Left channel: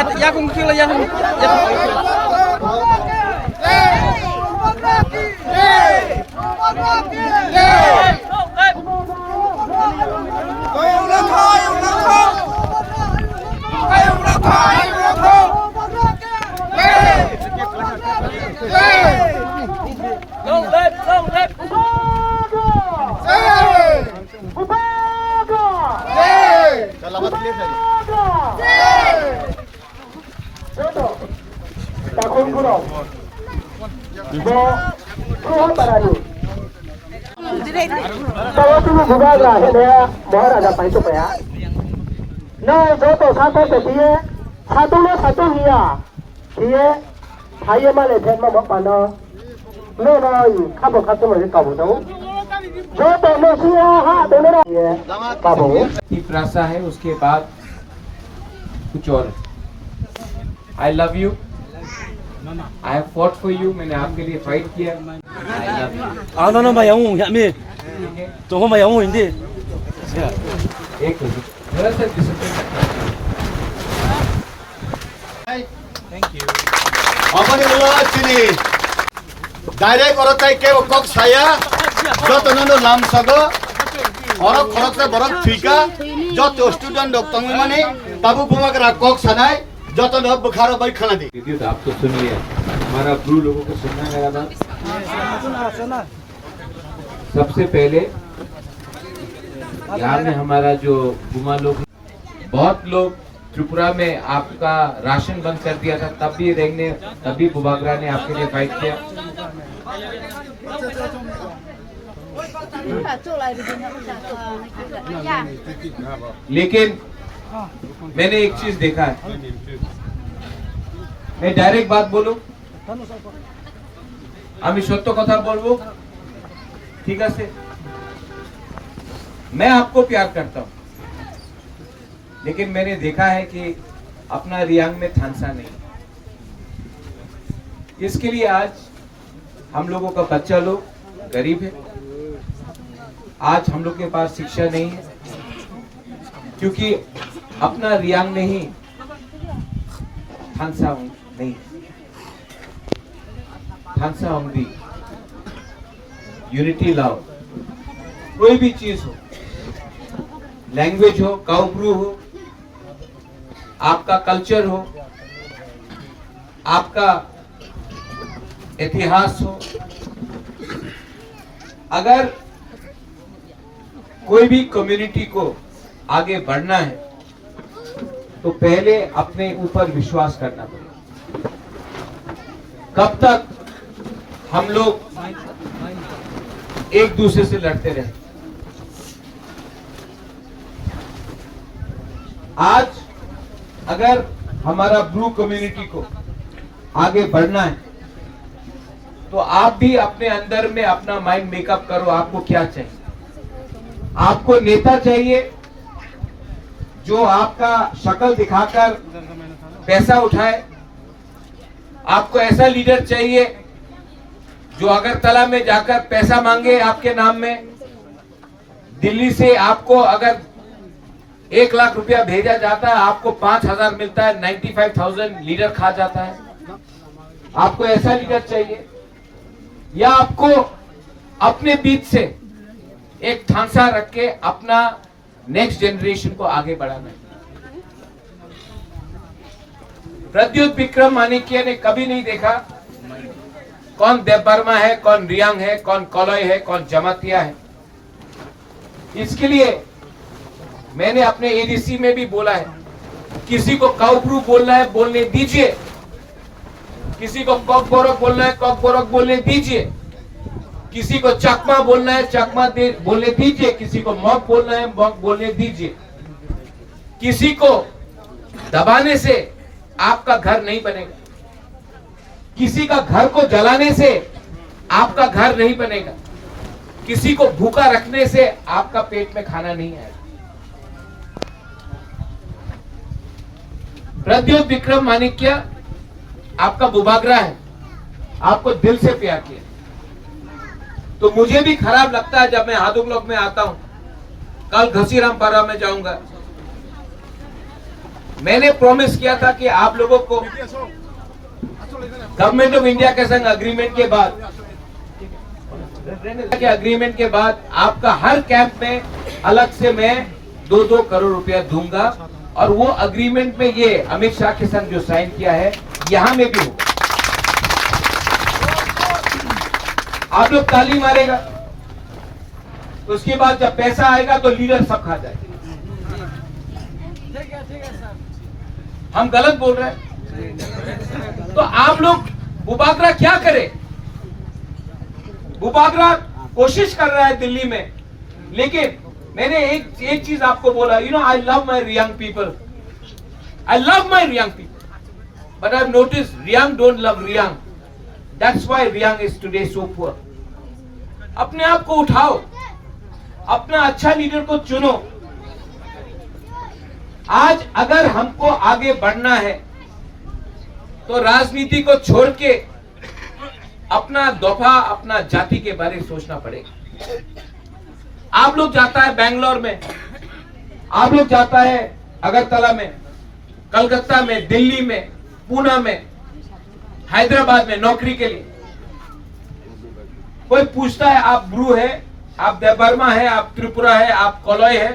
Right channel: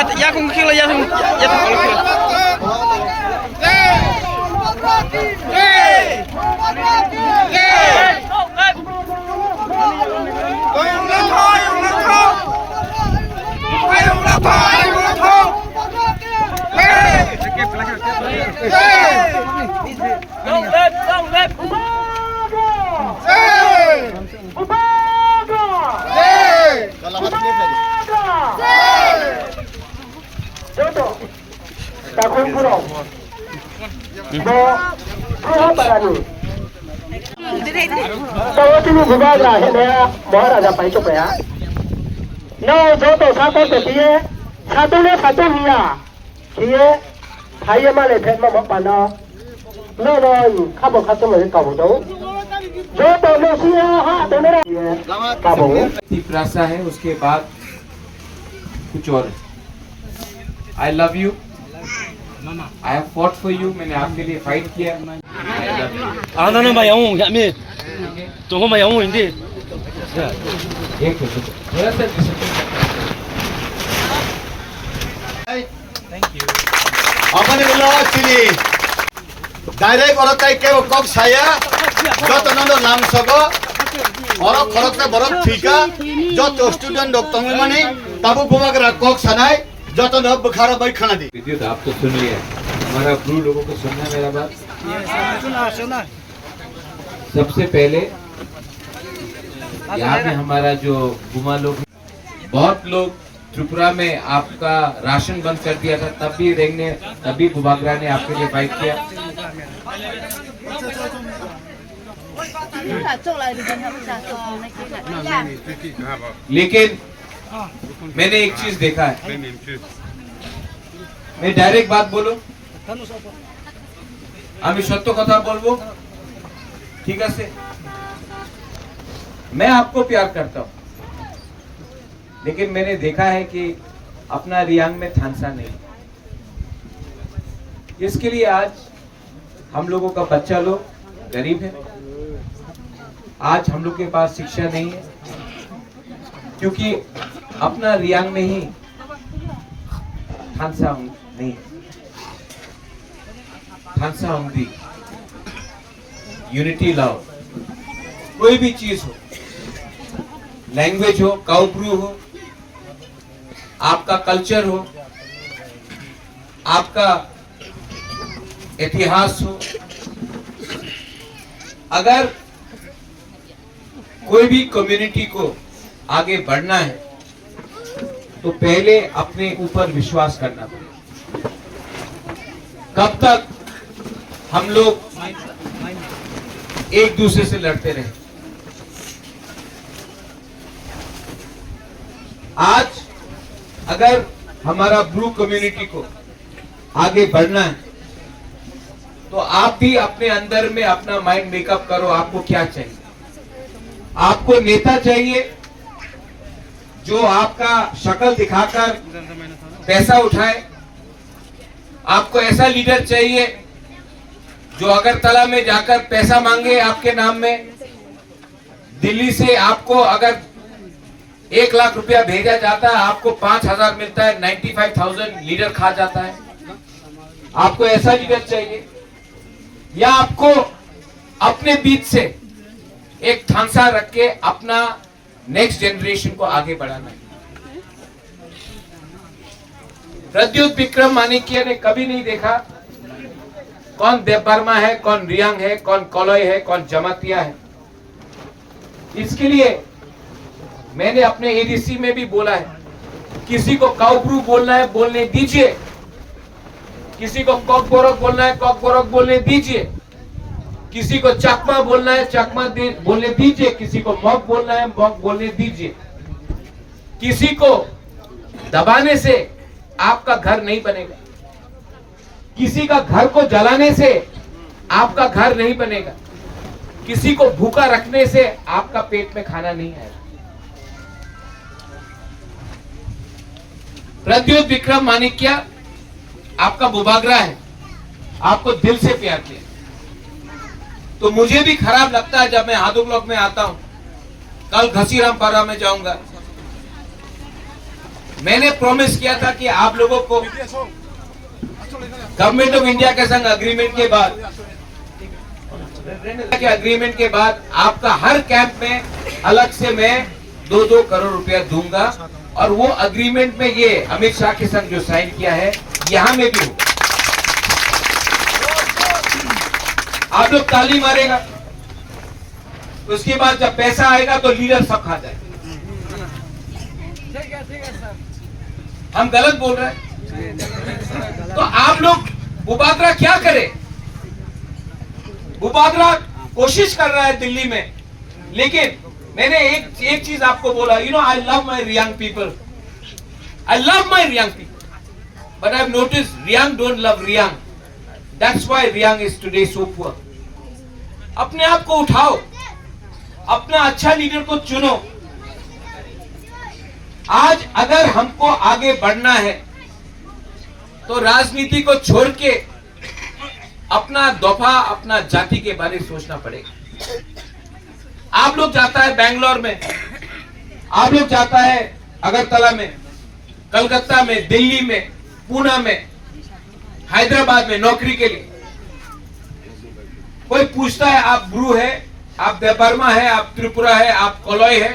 Ya kung kilo ya kung Tahun kurang, kurang barang. Saya sini juga lah, ini ya, mohon ada apa itu ya? No, jodoh satu dia, satu ni satu dia, dia, saya malah pernah mau pandang, no, kamu mereka kamu tahu? Jodoh manusia, ha, dono dia, kamu. Prasa है उसके बाद कुछ और है। I love you. I have fought for you. मैंने आपके लिए fight किया। 나는 막 영웅 야미 정말 영웅인데 एक थोड़ा सा 어머니 올라왔으니 다이렉 걸었다 깨고 꼭 사야 저또는 남서고 어럭 걸었다 버럭 튀가 저또 스튜던트 독동일만이 바부 부마그라 꼭 사나이 저또는 बुखार भाई खाना दी विद्युत आप तो सुनिए हमारा ब्रू लोगों को सुनना है मेरा बात सुना सबसे पहले यहाँ में हमारा जो बुमा लोग बहुत लोग त्रिपुरा में आपका राशन बंद कर दिया था तब भी बुबागरा ने आपके लिए फाइट किया लेकिन मैंने एक चीज देखा है मैं डायरेक्ट बात बोलूं আমি সত্য কথা বলবো ঠিক আছে मैं आपको प्यार करता हूं लेकिन मैंने देखा है कि अपना रियांग में थानसा नहीं इसके लिए आज हम लोगों का बच्चा लोग गरीब है आज हम लोग के पास शिक्षा नहीं है क्योंकि अपना रियांग में ही थानसा नहीं थानसा होंगी यूनिटी लाओ कोई भी चीज हो लैंग्वेज हो काउब्रू हो आपका कल्चर हो आपका इतिहास हो अगर कोई भी कम्युनिटी को आगे बढ़ना है तो पहले अपने ऊपर विश्वास करना पड़ेगा कब तक हम लोग एक दूसरे से लड़ते रहे आज अगर हमारा ब्रू कम्युनिटी को आगे बढ़ना है तो आप भी अपने अंदर में अपना माइंड मेकअप करो आपको क्या चाहिए आपको नेता चाहिए जो आपका शक्ल दिखाकर पैसा उठाए आपको ऐसा लीडर चाहिए जो अगरतला में जाकर पैसा मांगे आपके नाम में दिल्ली से आपको अगर 1 लाख रुपया भेजा जाता है आपको 5,000 मिलता है 95,000 लीडर खा जाता है आपको ऐसा लीडर चाहिए या आपको अपने बीच से एक थानसा रख के अपना नेक्स्ट जनरेशन को आगे बढ़ाना है प्रद्युत विक्रम माणिक्य ने कभी नहीं देखा कौन देवबर्मा है कौन रियांग है कौन कोलोई है कौन जमातिया है इसके लिए मैंने अपने एडीसी में भी बोला है किसी को काउब्रू बोलना है बोलने दीजिए किसी को कॉकबोरक बोलना है कॉकबोरक बोलने दीजिए किसी को चकमा बोलना है चकमा बोलने दीजिए किसी को मॉक बोलना है मॉक बोलने दीजिए किसी को दबाने से आपका घर नहीं बनेगा किसी का घर को जलाने से आपका घर नहीं बनेगा किसी को भूखा रखने से आपका पेट में खाना नहीं आएगा प्रद्युत विक्रम माणिक्य आपका बुबागरा है आपको दिल से प्यार किया तो मुझे भी खराब लगता है जब मैं हादुगलोक में आता हूं कल घसीरामपारा में जाऊंगा मैंने प्रॉमिस किया था कि आप लोगों को गवर्नमेंट ऑफ इंडिया के संग अग्रीमेंट के बाद आपका हर कैंप में अलग से मैं 2-2 करोड़ रुपया दूंगा, और वो अग्रीमेंट में ये अमित शाह के संग जो साइन किया है यहां में भी होगा। आप लोग ताली मारेगा, उसके बाद जब पैसा आएगा तो लीडर सब खा जाएगा। हम गलत बोल रहे हैं? तो आप लोग बुबागरा क्या करे? बुबागरा कोशिश कर रहा है दिल्ली में, लेकिन मैंने एक चीज आपको बोला, you know, I love my Reang people, I love my Reang people, but I have noticed Reang don't love Reang, that's why Reang is today so poor. अपने आप को उठाओ, अपना अच्छा लीडर को चुनो। आज अगर हमको आगे बढ़ना है तो राजनीति को छोड़ के अपना दफा, अपना जाति के बारे में सोचना पड़ेगा। आप लोग जाता है बेंगलोर में, आप लोग जाता है अगरतला में, कलकत्ता में, दिल्ली में, पूना में, हैदराबाद में नौकरी के लिए। कोई पूछता है आप ब्रू है, आप देबर्मा है, आप त्रिपुरा है, आप कोलोई है?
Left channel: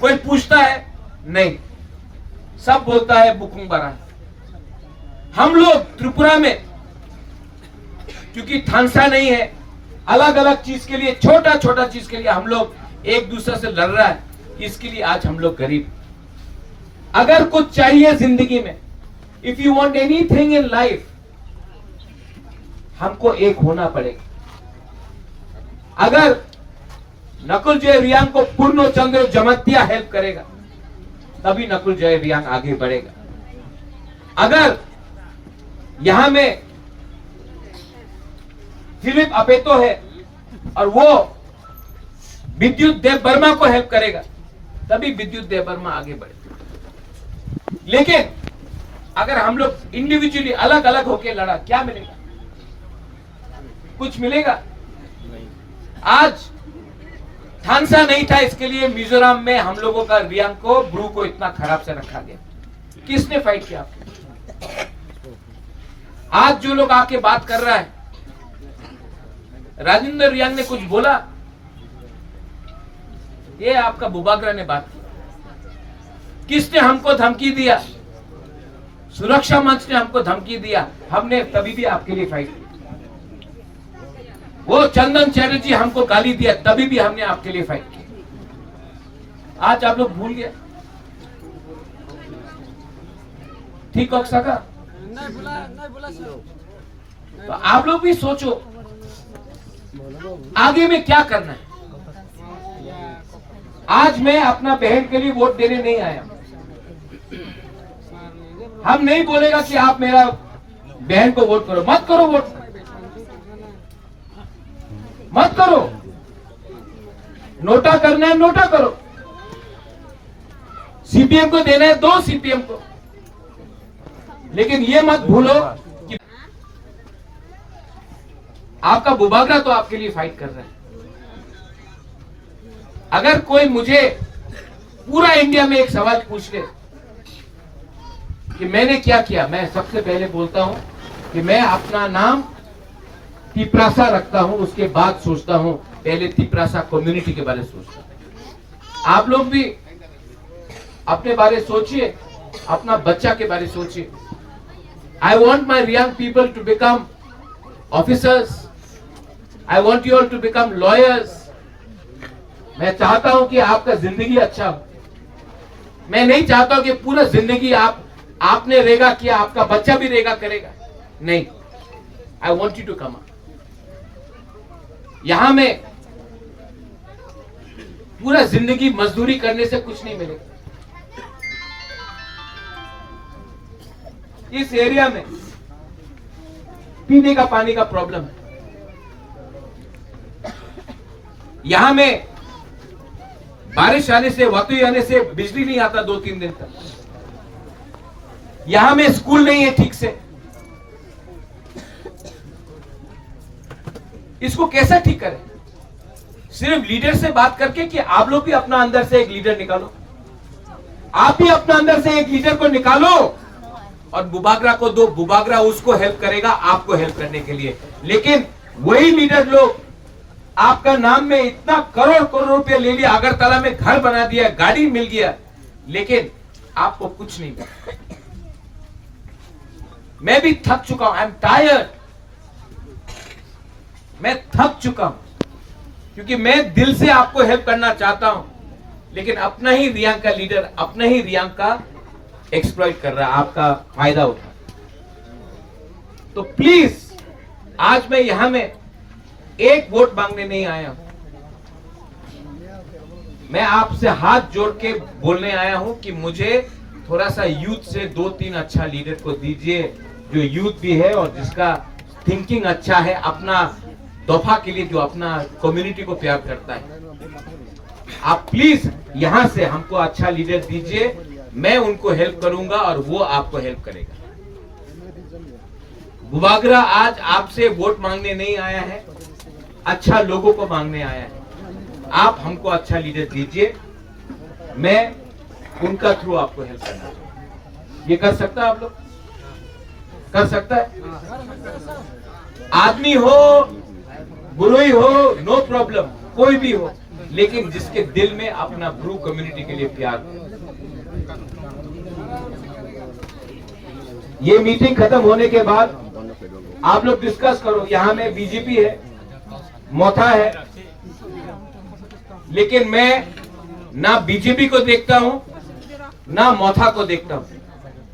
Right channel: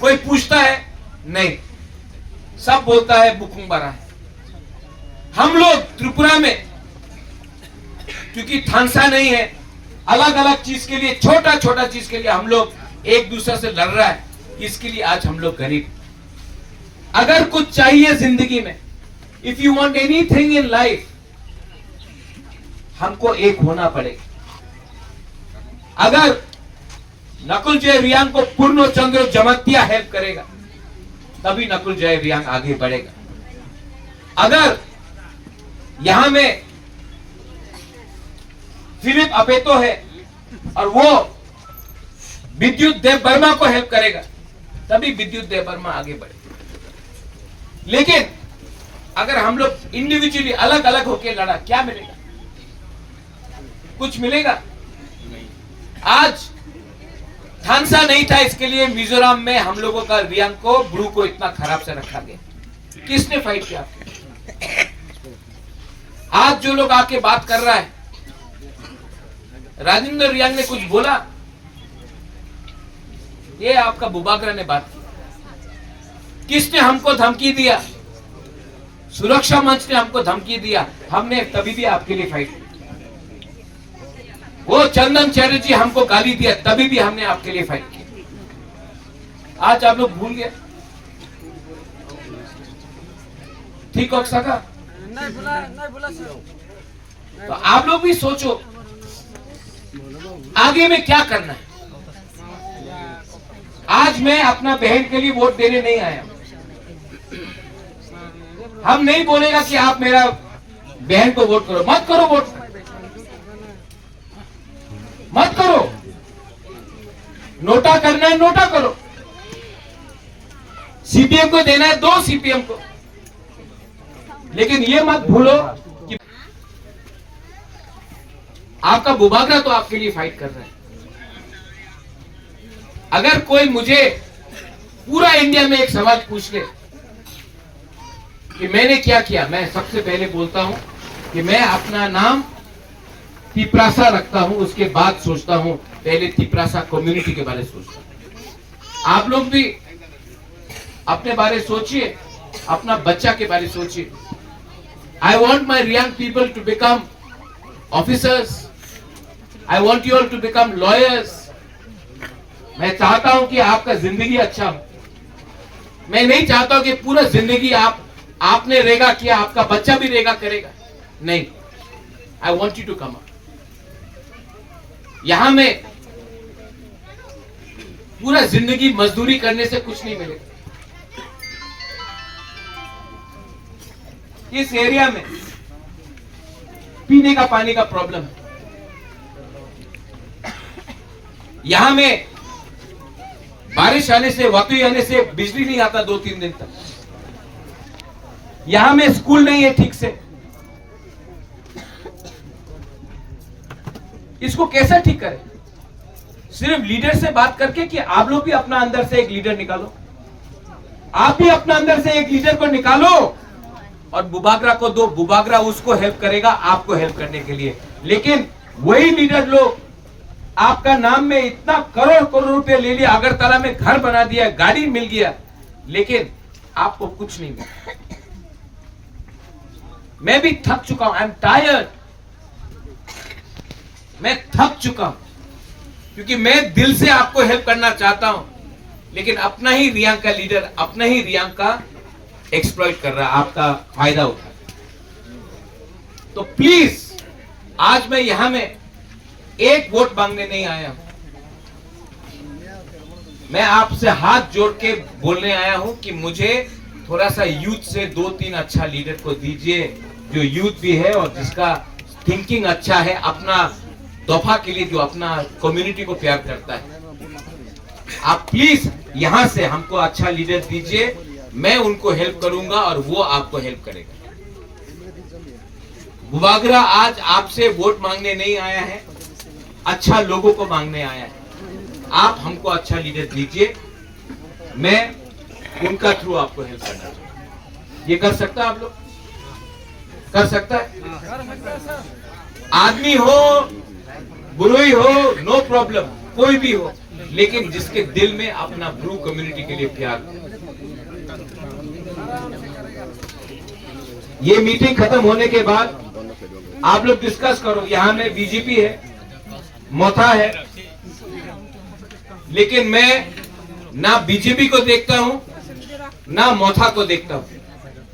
कोई पूछता है? नहीं, सब बोलता है बुकुंबरा है। हम लोग त्रिपुरा में क्योंकि थानसा नहीं है, अलग अलग चीज के लिए, छोटा छोटा चीज के लिए हम लोग एक दूसरे से लड़ रहा है, इसके लिए आज हम लोग गरीब। अगर कुछ चाहिए जिंदगी में, if you want anything in life, हमको एक होना पड़ेगा। अगर नकुल जय रियांग को पूर्ण चंद्र जमत्या हेल्प करेगा तभी नकुल जय रियांग आगे बढ़ेगा। अगर यहां में फिलिप अपेतो है और वो विद्युत देव वर्मा को हेल्प करेगा तभी विद्युत देव वर्मा आगे बढ़ेगा। लेकिन अगर हम लोग इंडिविजुअली अलग अलग होकर लड़ा, क्या मिलेगा? कुछ मिलेगा? आज थानसा नहीं था, इसके लिए मिजोरम में हम लोगों का रियांग को, ब्रू को इतना खराब से रखा गया। किसने फाइट किया आपके? आज जो लोग आके बात कर रहा है, राजेंद्र रियांग ने कुछ बोला, ये आपका बुबागरा ने बात की। किसने हमको धमकी दिया? सुरक्षा मंच ने हमको धमकी दिया, हमने तभी भी आपके लिए फाइट की। वो चंदन चैटर्जी हमको गाली दिया, तभी भी हमने आपके लिए फाइट की। आज आप लोग भूल गए? ठीक हो सका? तो आप लोग भी सोचो आगे में क्या करना है। आज मैं अपना बहन के लिए वोट देने नहीं आया। हम नहीं बोलेगा कि आप मेरा बहन को वोट करो, मत करो, वोट मत करो। नोटा करना है, नोटा करो। सीपीएम को देना है, दो सीपीएम को। लेकिन ये मत भूलो कि आपका बुबागरा तो आपके लिए फाइट कर रहा है। अगर कोई मुझे पूरा इंडिया में एक सवाल पूछ ले कि मैंने क्या किया, मैं सबसे पहले बोलता हूं कि मैं अपना नाम तिपरासा रखता हूं, उसके बाद सोचता हूं, पहले तिपरासा कम्युनिटी के बारे में सोचता हूं। आप लोग भी अपने बारे सोचिए, अपना बच्चा के बारे सोचिए। I want my Reang people to become officers, I want you all to become lawyers. मैं चाहता हूं कि आपका जिंदगी अच्छा हो। मैं नहीं चाहता हूं कि पूरा जिंदगी आपने रेगा किया, आपका बच्चा भी रेगा करेगा। नहीं, I want you to come up. यहां में पूरा जिंदगी मजदूरी करने से कुछ नहीं मिलेगा। इस एरिया में पीने का पानी का प्रॉब्लम है। यहां में बारिश आने से, वातुई आने से बिजली नहीं आता 2-3 दिन तक। यहां में स्कूल नहीं है ठीक से। इसको कैसे ठीक करें? सिर्फ लीडर से बात करके कि आप लोग भी अपना अंदर से एक लीडर निकालो। आप भी अपने अंदर से एक लीडर को निकालो और बुबागरा को दो। बुबागरा उसको हेल्प करेगा आपको हेल्प करने के लिए। लेकिन वही लीडर लोग आपका नाम में इतना करोड़ करोड़ रुपए ले लिया, अगरतला में घर बना दिया, गाड़ी मिल गया, लेकिन आपको कुछ नहीं मिला। मैं भी थक चुका हूं, आई एम टायर्ड। मैं थक चुका हूं क्योंकि मैं दिल से आपको हेल्प करना चाहता हूं, लेकिन अपना ही रियांग का लीडर अपना ही रियांग का एक्सप्लॉइट कर रहा है, आपका फायदा उठा। तो प्लीज, आज मैं यहां में एक वोट मांगने नहीं आया हूं, मैं आपसे हाथ जोड़ के बोलने आया हूं कि मुझे थोड़ा सा यूथ से 2-3 अच्छा लीडर को दीजिए, जो यूथ भी है और जिसका थिंकिंग अच्छा है, अपना दफा के लिए, जो अपना कम्युनिटी को प्यार करता है। आप प्लीज यहां से हमको अच्छा लीडर दीजिए, मैं उनको हेल्प करूंगा और वो आपको हेल्प करेगा। बुबागरा आज आपसे वोट मांगने नहीं आया है, अच्छा लोगों को मांगने आया है। आप हमको अच्छा लीडर दीजिए, मैं उनका थ्रू आपको हेल्प करना चाहूंगा। ये कर सकता है आप लोग? कर सकता है? आदमी हो, बुरुई हो, नो प्रॉब्लम, कोई भी हो, लेकिन जिसके दिल में अपना ब्रू कम्युनिटी के लिए प्यार हो। ये मीटिंग खत्म होने के बाद आप लोग डिस्कस करो। यहां में बीजेपी है, मोथा है, लेकिन मैं ना बीजेपी को देखता हूं ना मोथा को देखता हूं,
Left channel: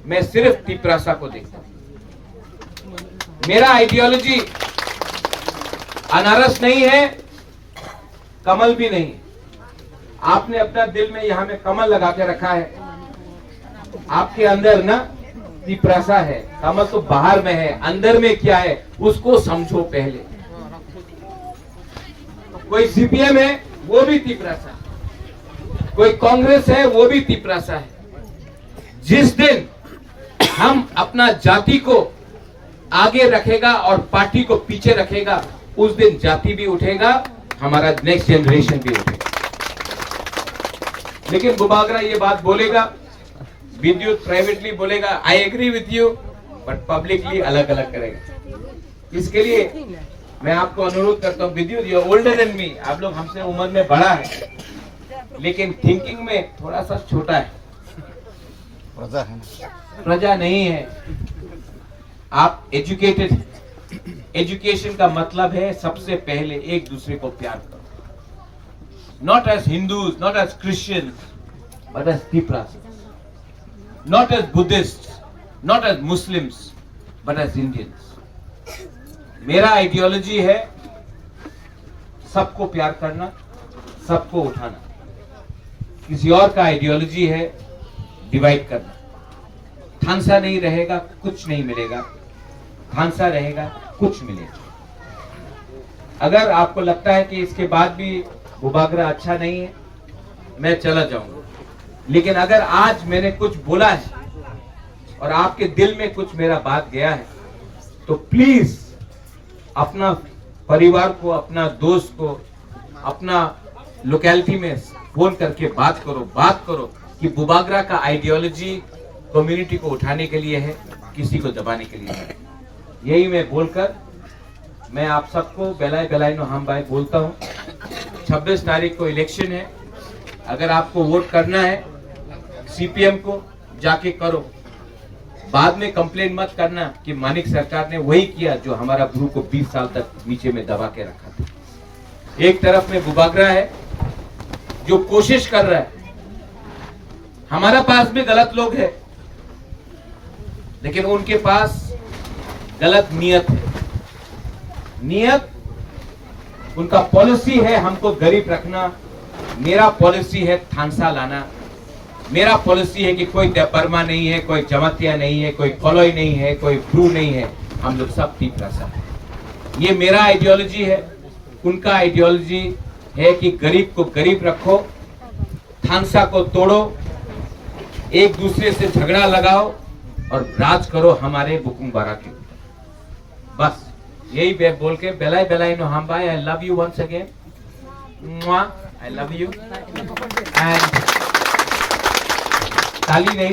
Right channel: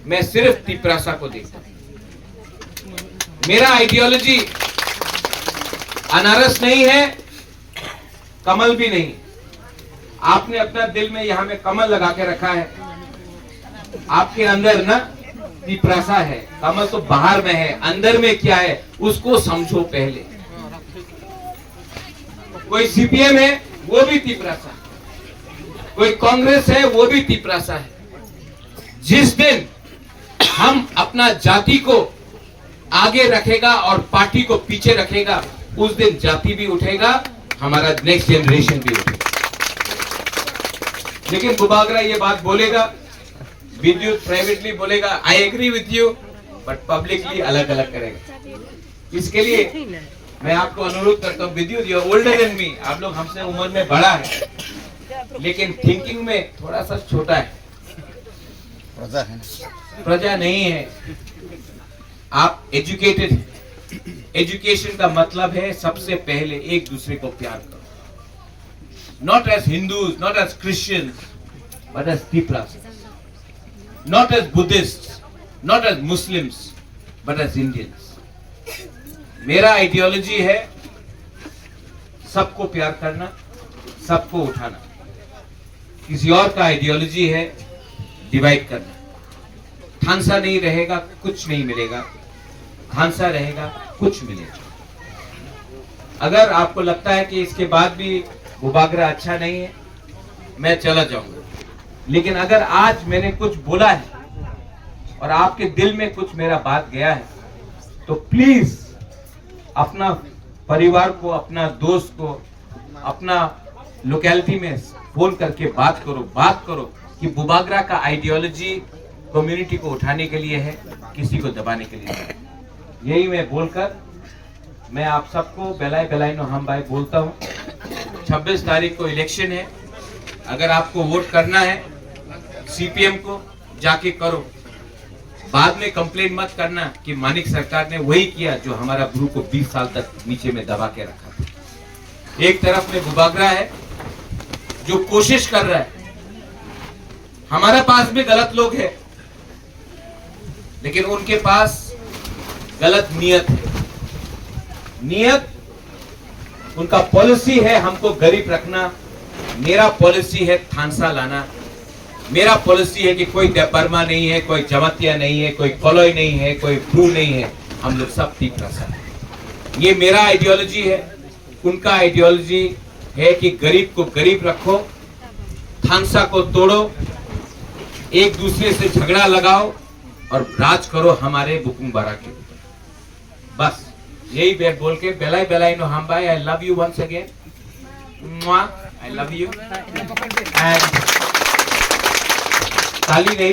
मैं सिर्फ तिपरासा को देखता हूं। मेरा आइडियोलॉजी अनारस नहीं है, कमल भी नहीं। आपने अपना दिल में यहां में कमल लगा के रखा है, आपके अंदर ना तिपरासा है। कमल तो बाहर में है, अंदर में क्या है उसको समझो पहले। कोई सीपीएम है वो भी तिपरासा है, कोई कांग्रेस है वो भी तिपरासा है। जिस दिन हम अपना जाति को आगे रखेगा और पार्टी को पीछे रखेगा, उस दिन जाति भी उठेगा, हमारा नेक्स्ट जनरेशन भी उठेगा। लेकिन बुबागरा ये बात बोलेगा, विद्युत प्राइवेटली बोलेगा I agree with you, but publicly अलग अलग करेगा। इसके लिए मैं आपको अनुरोध करता हूँ, विद्युत यू ओल्डर देन मी, आप लोग हमसे उम्र में बड़ा है, लेकिन थिंकिंग में थोड़ा सा छोटा है। प्रजा नहीं है, आप एजुकेटेड हैं। एजुकेशन का मतलब है सबसे पहले एक दूसरे को प्यार करो, not as Hindus, not as Christians, but as Tiprasa, not as Buddhist, not as Muslims, but as Indians. मेरा आइडियोलॉजी है सबको प्यार करना, सबको उठाना। किसी और का आइडियोलॉजी है डिवाइड करना। थानसा नहीं रहेगा कुछ नहीं मिलेगा, थानसा रहेगा कुछ मिलेगा। अगर आपको लगता है कि इसके बाद भी बुबागरा अच्छा नहीं है, मैं चला जाऊंगा, लेकिन अगर आज मैंने कुछ बोला है और आपके दिल में कुछ मेरा बात गया है, तो प्लीज अपना परिवार को, अपना दोस्त को, अपना लोकेलिटी में फोन करके बात करो कि बुबागरा का आइडियोलॉजी कम्युनिटी को उठाने के लिए है, किसी को दबाने के लिए नहीं। यही मैं बोलकर मैं आप सबको बेलाई नो हम भाई बोलता हूँ। 26 तारीख को इलेक्शन है, अगर आपको वोट करना है सीपीएम को जाके करो। बाद में कंप्लेन मत करना कि मानिक सरकार ने वही किया जो हमारा ब्रू को 20 साल तक नीचे में दबा के रखा था। एक तरफ में बुबागरा है जो कोशिश कर रहा है, हमारे पास भी गलत लोग हैं, लेकिन उनके पास गलत नियत है। नियत उनका पॉलिसी है हमको गरीब रखना, मेरा पॉलिसी है थानसा लाना। मेरा पॉलिसी है कि कोई परमा नहीं है, कोई जमातिया नहीं है, कोई कॉलोई नहीं है, कोई ब्रू नहीं है, हम लोग सब तिपरासा है। ये मेरा आइडियोलॉजी है, उनका आइडियोलॉजी है कि गरीब को गरीब रखो, थानसा को तोड़ो, एक दूसरे से झगड़ा लगाओ और राज करो हमारे बुकुंग बारा के ऊपर। बस यही बात बोल के बेलाई नो हम भाई, I love you once again, I love you and ताली नहीं